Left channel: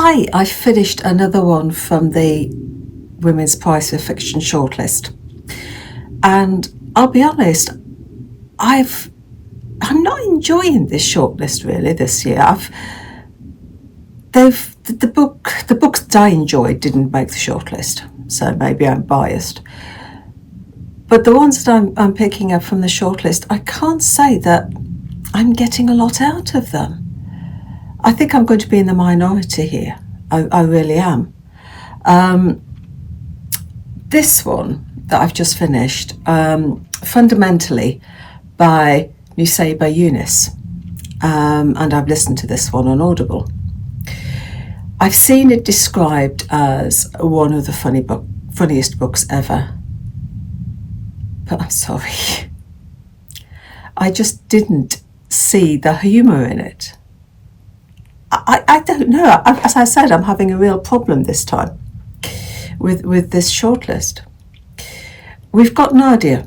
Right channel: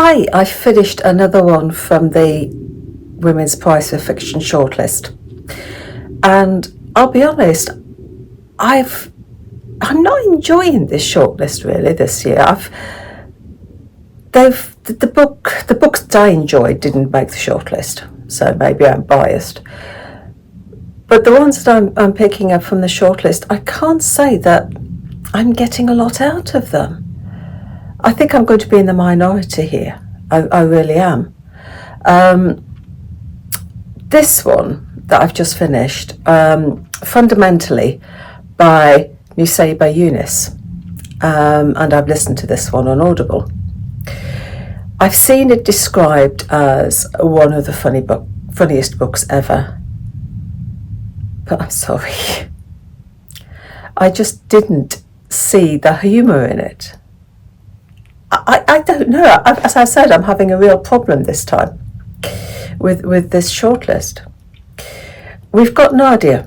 Hi, I finished another one from the Women's Prize for Fiction shortlist, and I'll be honest, I'm not enjoying this shortlist really this year. The books that I enjoyed didn't make the shortlist, so maybe I'm biased. But the ones that I'm picking up from the shortlist, I can't say that I'm getting a lot out of them. I think I'm going to be in the minority here. I really am. This one that I've just finished, fundamentally by Nussaibah Younis, and I've listened to this one on Audible. I've seen it described as one of the funniest books ever, but I'm sorry. I just didn't see the humour in it. I don't know. As I said, I'm having a real problem this time with this shortlist. We've got Nadia,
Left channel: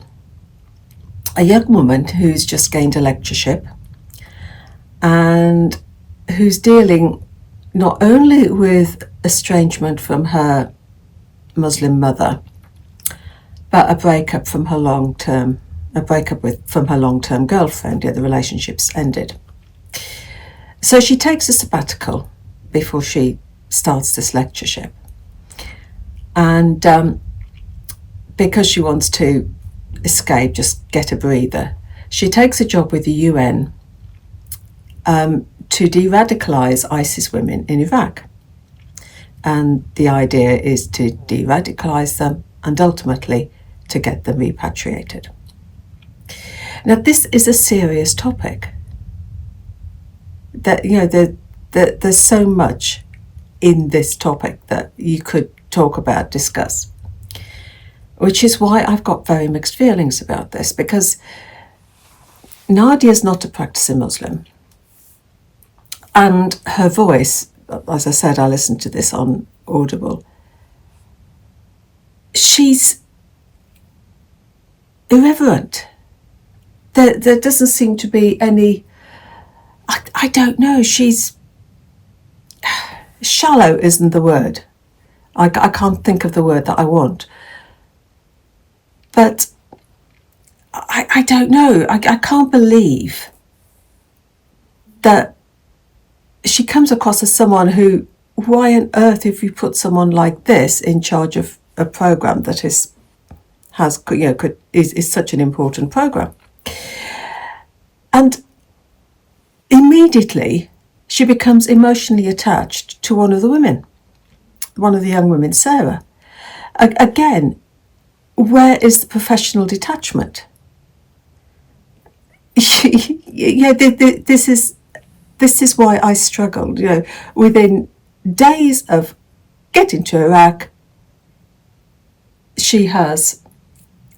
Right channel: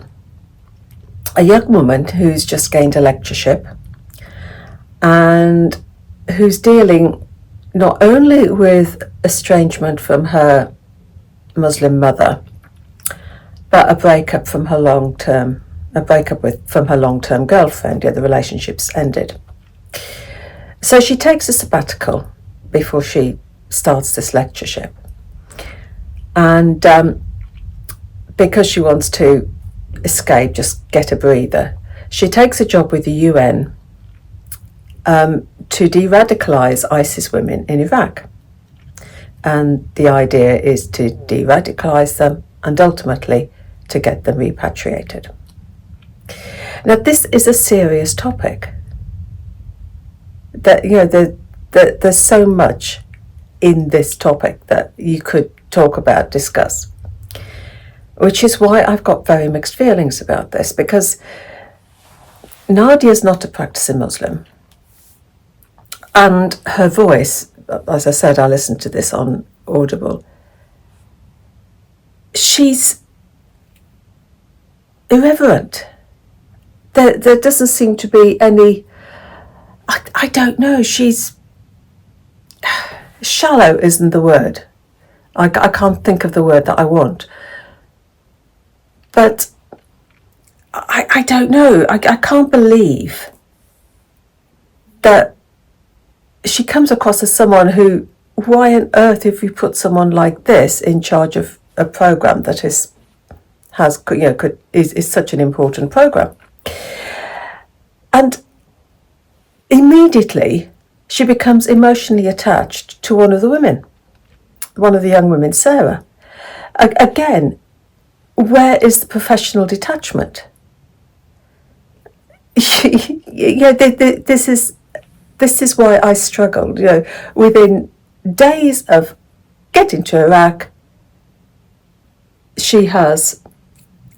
a young woman who's just gained a lectureship and who's dealing not only with estrangement from her Muslim mother, but a breakup from her long-term girlfriend. The relationship's ended. So she takes a sabbatical before she starts this lectureship. And because she wants to escape, just get a breather, she takes a job with the UN to de-radicalise ISIS women in Iraq. And the idea is to de-radicalise them and ultimately to get them repatriated. Now, this is a serious topic. There's so much in this topic that you could talk about, discuss, which is why I've got very mixed feelings about this, because Nadia's not a practicing Muslim, and her voice, as I said, I listened to this on Audible, she's irreverent. There doesn't seem to be any, I don't know, she's shallow isn't the word. I can't think of the word that I want. But I don't know. I can't believe that she comes across as someone who, why on earth if you put someone like this in charge of a program that is such an important program? And immediately she becomes emotionally attached to one of the young women, Sarah. Again, where is the professional detachment? This is why I struggled. Within days of getting to Iraq, she has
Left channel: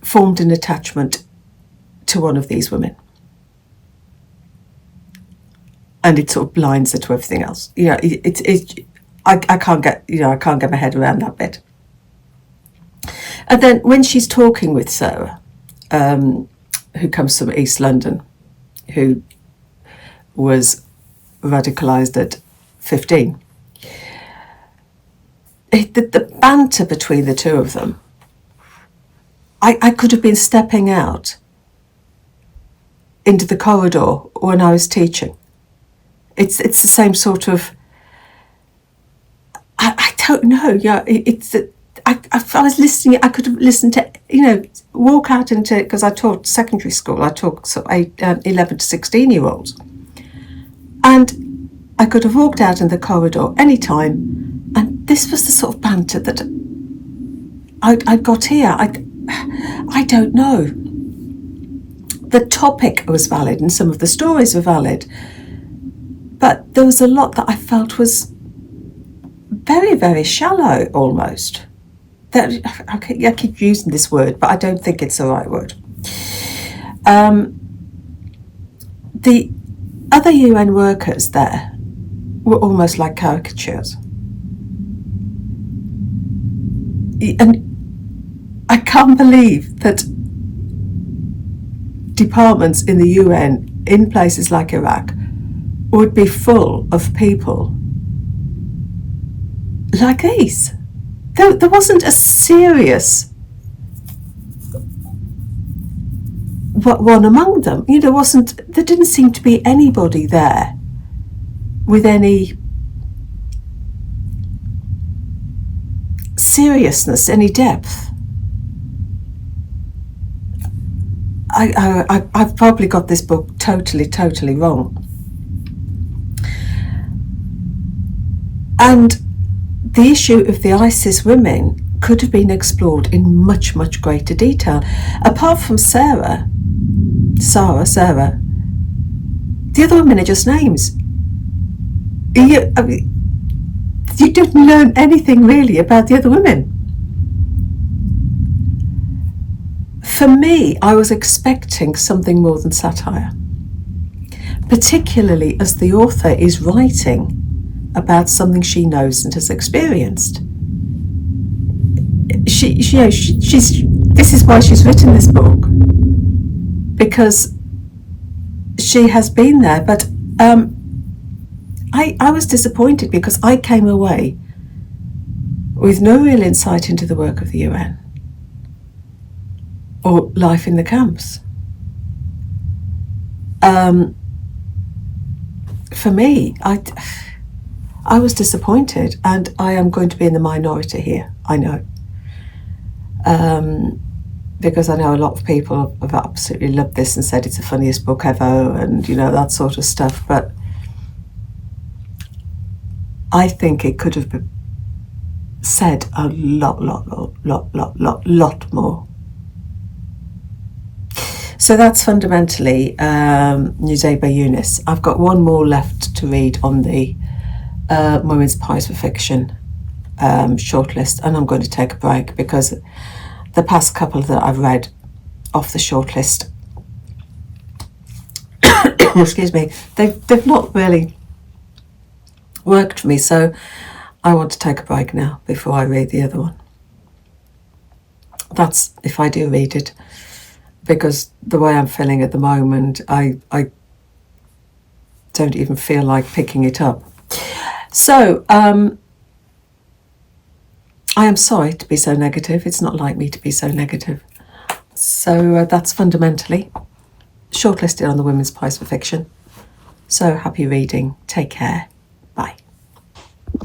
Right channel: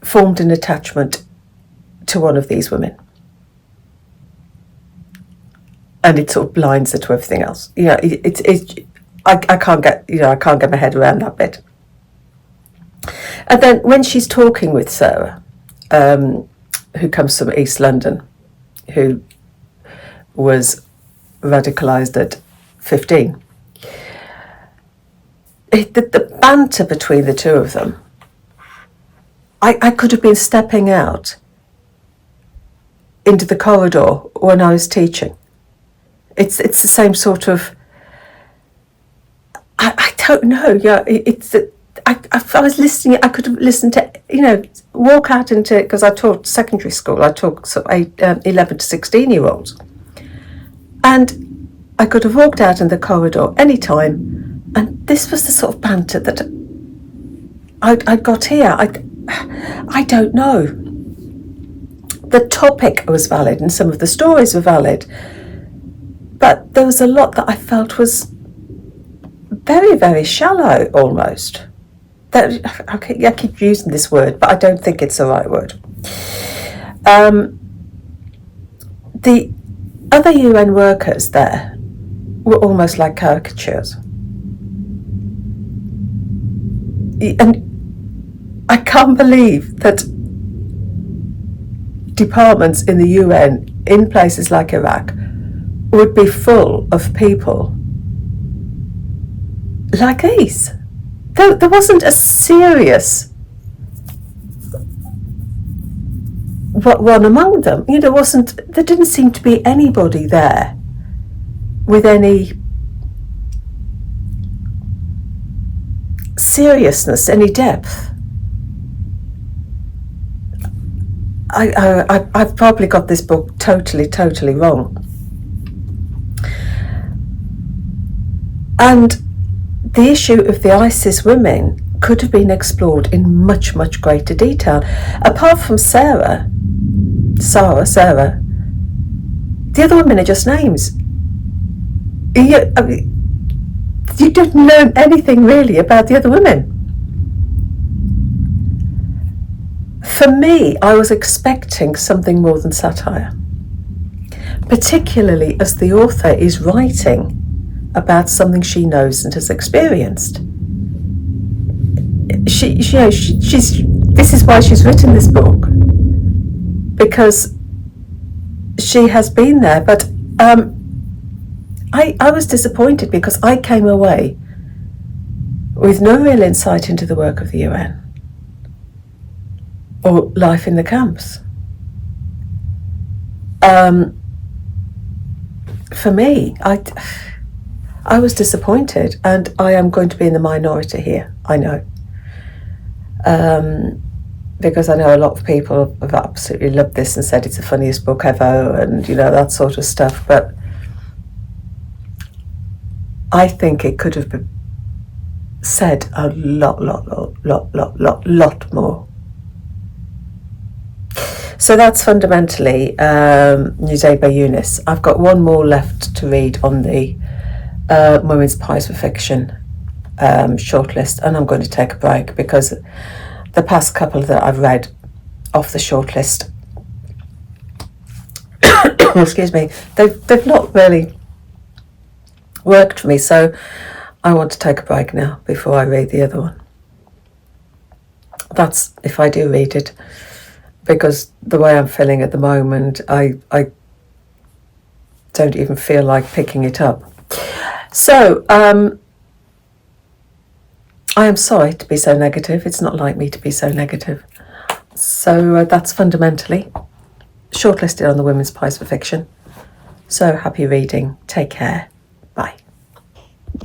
formed an attachment to one of these women, and it sort of blinds her to everything else. I can't get my head around that bit. And then when she's talking with Sarah, who comes from East London, who was radicalised at 15, the banter between the two of them, I could have been stepping out into the corridor when I was teaching. It's the same sort of, I don't know. I was listening. I could have listened to, walk out into, because I taught secondary school. I taught sort of 11 to 16-year-olds, and I could have walked out in the corridor any time, and this was the sort of banter that I got here. I don't know. The topic was valid, and some of the stories were valid, but there was a lot that I felt was very, very shallow, almost. I keep using this word, but I don't think it's the right word. The other UN workers there were almost like caricatures. And I can't believe that departments in the UN in places like Iraq would be full of people like these. There wasn't a serious one among them. There didn't seem to be anybody there with any seriousness, any depth. I've probably got this book totally wrong. And the issue of the ISIS women could have been explored in much greater detail. Apart from Sarah, the other women are just names. You don't learn anything really about the other women. For me, I was expecting something more than satire, particularly as the author is writing about something she knows and has experienced. This is why she's written this book, because she has been there. But I was disappointed because I came away with no real insight into the work of the UN or life in the camps. For me, I was disappointed, and I am going to be in the minority here, I know. Because I know a lot of people have absolutely loved this and said it's the funniest book ever and, that sort of stuff. But I think it could have been said a lot more. So that's fundamentally Nussaibah Younis. I've got one more left to read on the Women's Prize for Fiction shortlist, and I'm going to take a break because the past couple that I've read off the shortlist, excuse me, they've not really worked for me, so I want to take a break now before I read the other one. That's if I do read it, because the way I'm feeling at the moment, I don't even feel like picking it up. So I am sorry to be so negative. It's not like me to be so negative. So that's fundamentally shortlisted on the Women's Prize for Fiction. So happy reading. Take care.